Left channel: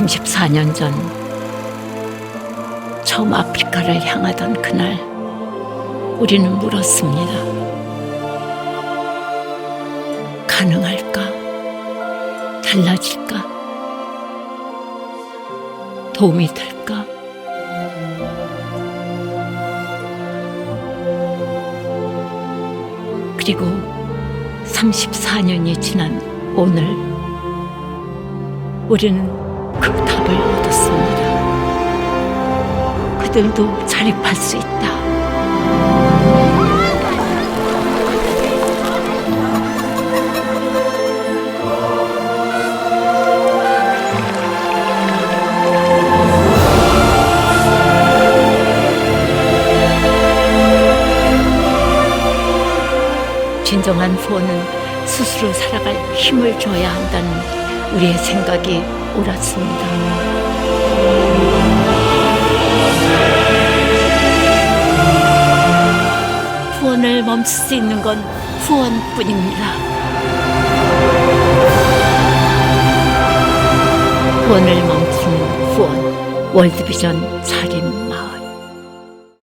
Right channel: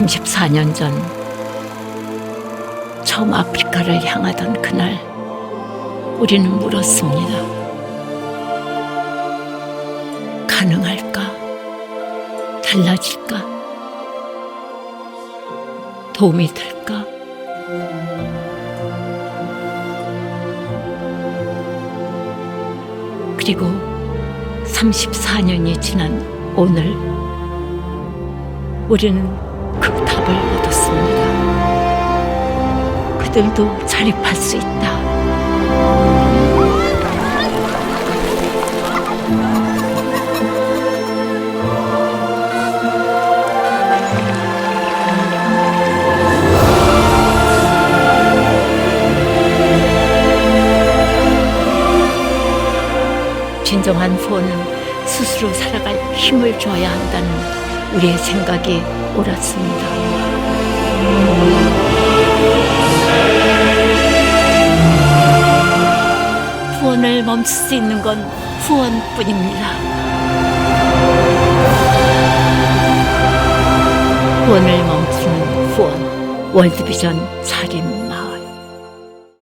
34년 전 처음 아프리카를 향하던 그날 우리는 물었습니다. 가능할까? 달라질까? 도움이 될까? 그리고 34년이 지난 오늘 우리는 그 답을 얻었습니다. 그들도 자립할 수 있다. 진정한 후원은 스스로 살아갈 힘을 줘야 한다는 우리의 생각이 옳았습니다. 후원을 멈출 수 있는 건 후원뿐입니다. 후원을 멈추는 후원 월드비전 사림